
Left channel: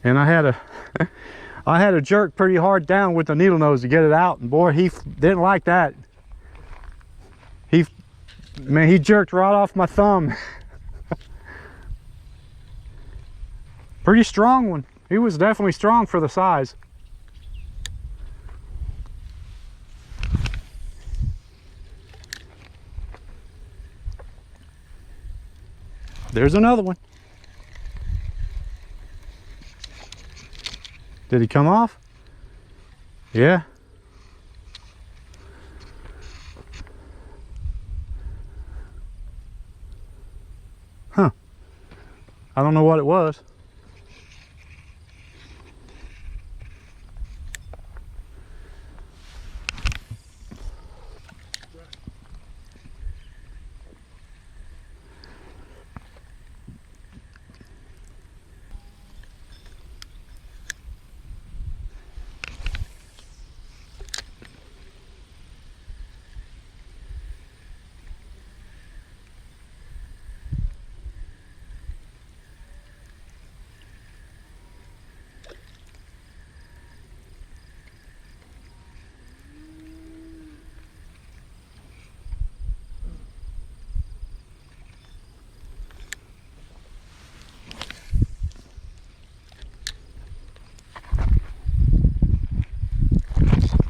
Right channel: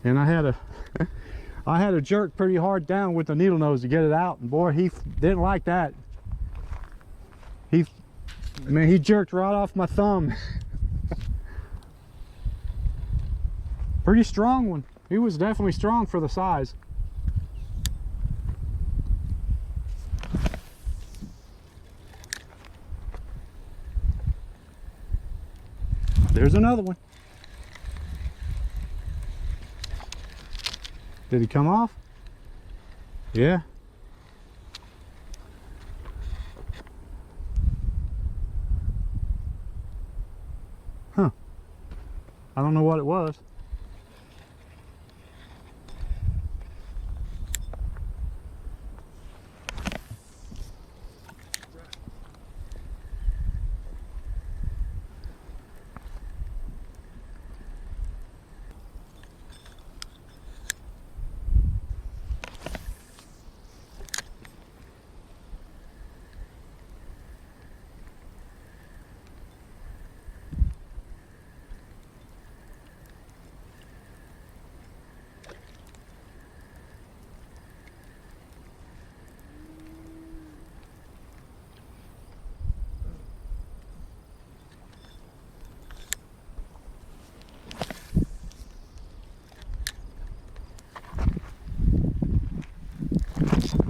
And I had to jerk pretty hard down with the needle nose to get it out, and boy, he didn't like that. He jerked right off my thumb. Pretty strong one. He was definitely strong for the size. there's another one. Did he come off? Yeah. Huh. I don't know what it was.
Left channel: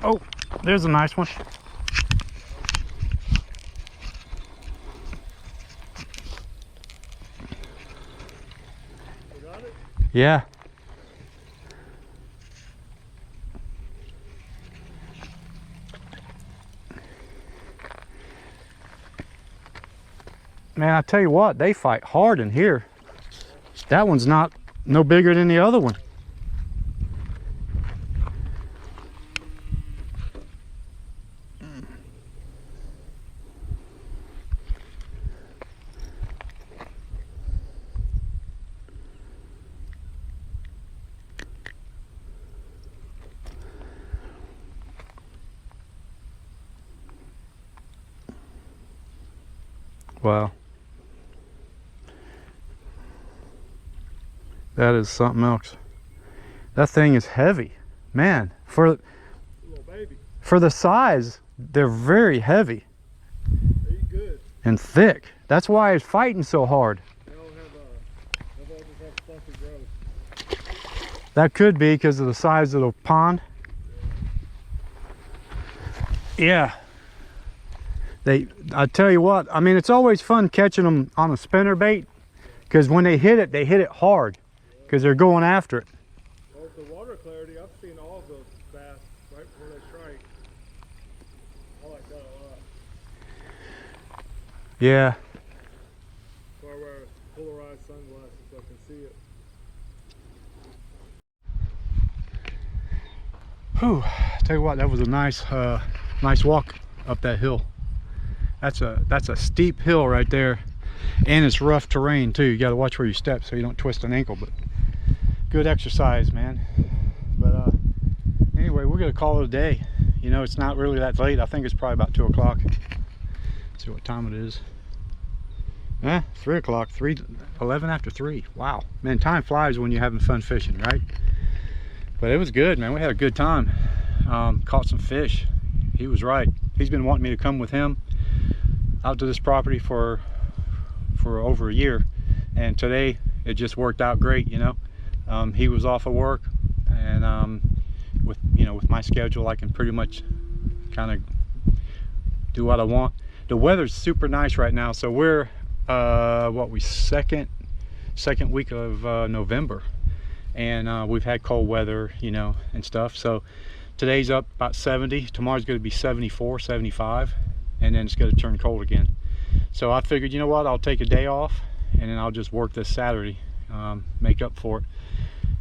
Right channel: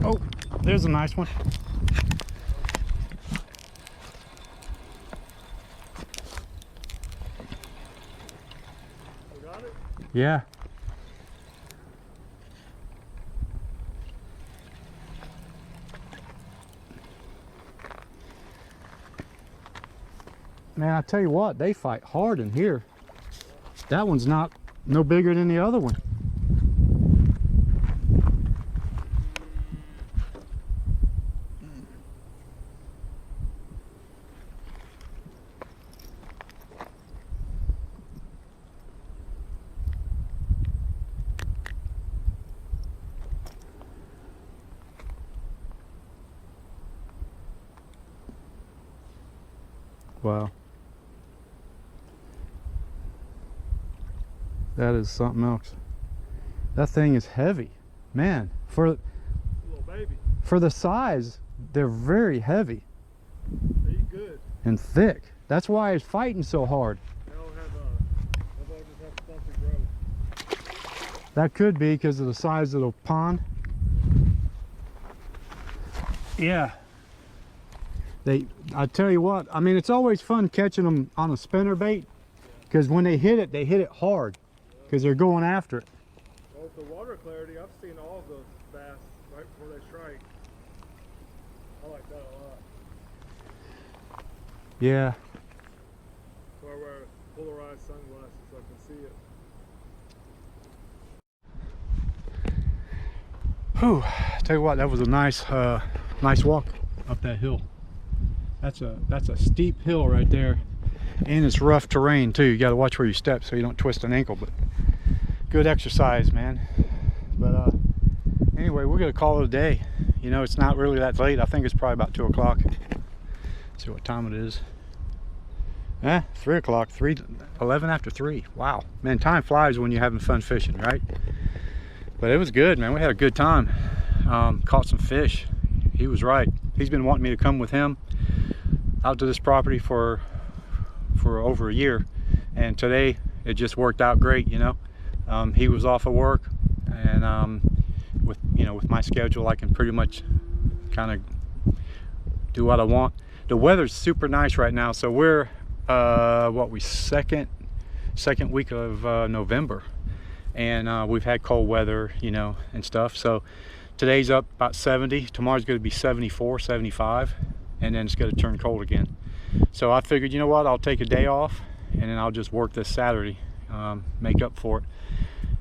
Oh, there's a nice one. You got it? Yeah. Man, I tell you what, they fight hard in here. That one's no bigger than the other one. Wow. That is something else. That thing is heavy. Man, Little baby. for the size, they're very heavy They eat good. and thick. That's why it's fighting so hard. They all just have stunted growth. That could be because of the size of the pond. Yeah. I tell you what, I mean, it's always fun catching them on a spinner bait because when they hit it hard because they're going after it. Well, with the water clarity, I've seen all of those bass right before they strike. I like that a lot. Yeah. So I wear polarized sunglasses so I can see it. Whew. Tell you what, that was a nice nice walk up that hill. That's a steep hill right there, and it's rough terrain too. You got to watch where you step so you don't twist an ankle, but good exercise, man. But anyway, we're gonna call it a day. You know, it's not really that late. I think it's probably about 2 o'clock. See what time it is. 3 o'clock. 11 after 3. Wow, man, time flies when you're having fun fishing, right? But it was good, man. We had a good time. Caught some fish. He was right. He's been wanting me to come with him out to this property for over a year, and today it just worked out great. You know, he was off of work, and with my schedule, I can pretty much kind of do what I want. The weather's super nice right now, so we're second week of November, and we've had cold weather, you know, and stuff. So today's up about 70, tomorrow's going to be 74, 75, and then it's going to turn cold again. So I figured, you know what, I'll take a day off and then I'll just work this Saturday, make up for it.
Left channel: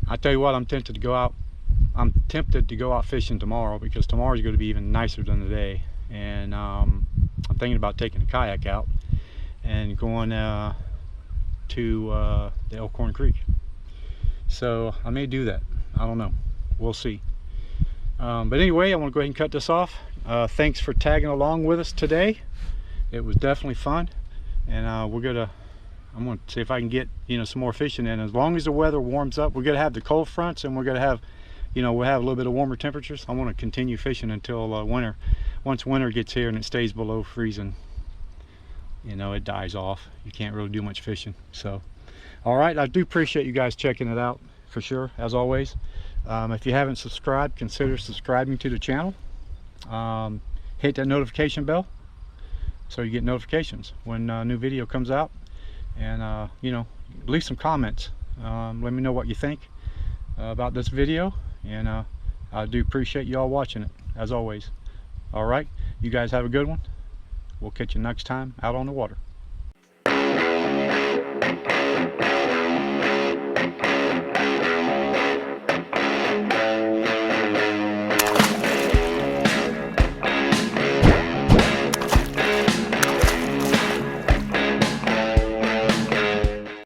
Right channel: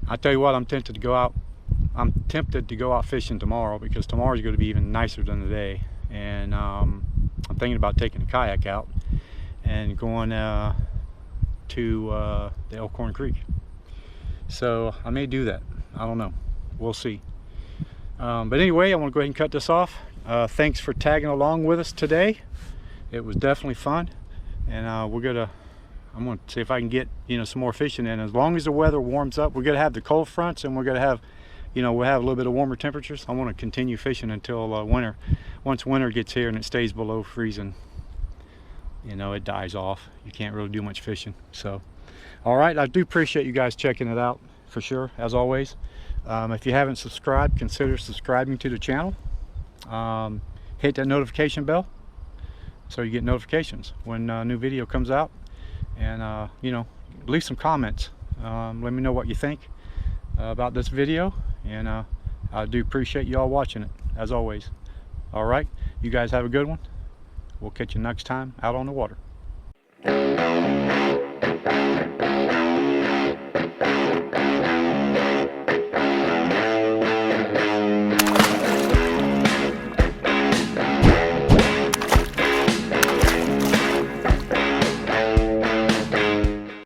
I tell you what, I'm tempted to go out fishing tomorrow because tomorrow's going to be even nicer than today. And I'm thinking about taking a kayak out and going to the Elkhorn Creek. So I may do that. I don't know. We'll see. But anyway, I want to go ahead and cut this off. Thanks for tagging along with us today. It was definitely fun, and I'm gonna see if I can get, you know, some more fishing in. As long as the weather warms up, we're gonna have the cold fronts, and we're gonna have, you know, we'll have a little bit of warmer temperatures. I want to continue fishing until winter. Once winter gets here and it stays below freezing, you know, it dies off. You can't really do much fishing. So all right, I do appreciate you guys checking it out for sure, as always. If you haven't subscribed, consider subscribing to the channel. Hit that notification bell so you get notifications when a new video comes out. and you know, leave some comments. Let me know what you think about this video, and I do appreciate you all watching it, as always. Alright, you guys have a good one. We'll catch you next time out on the water.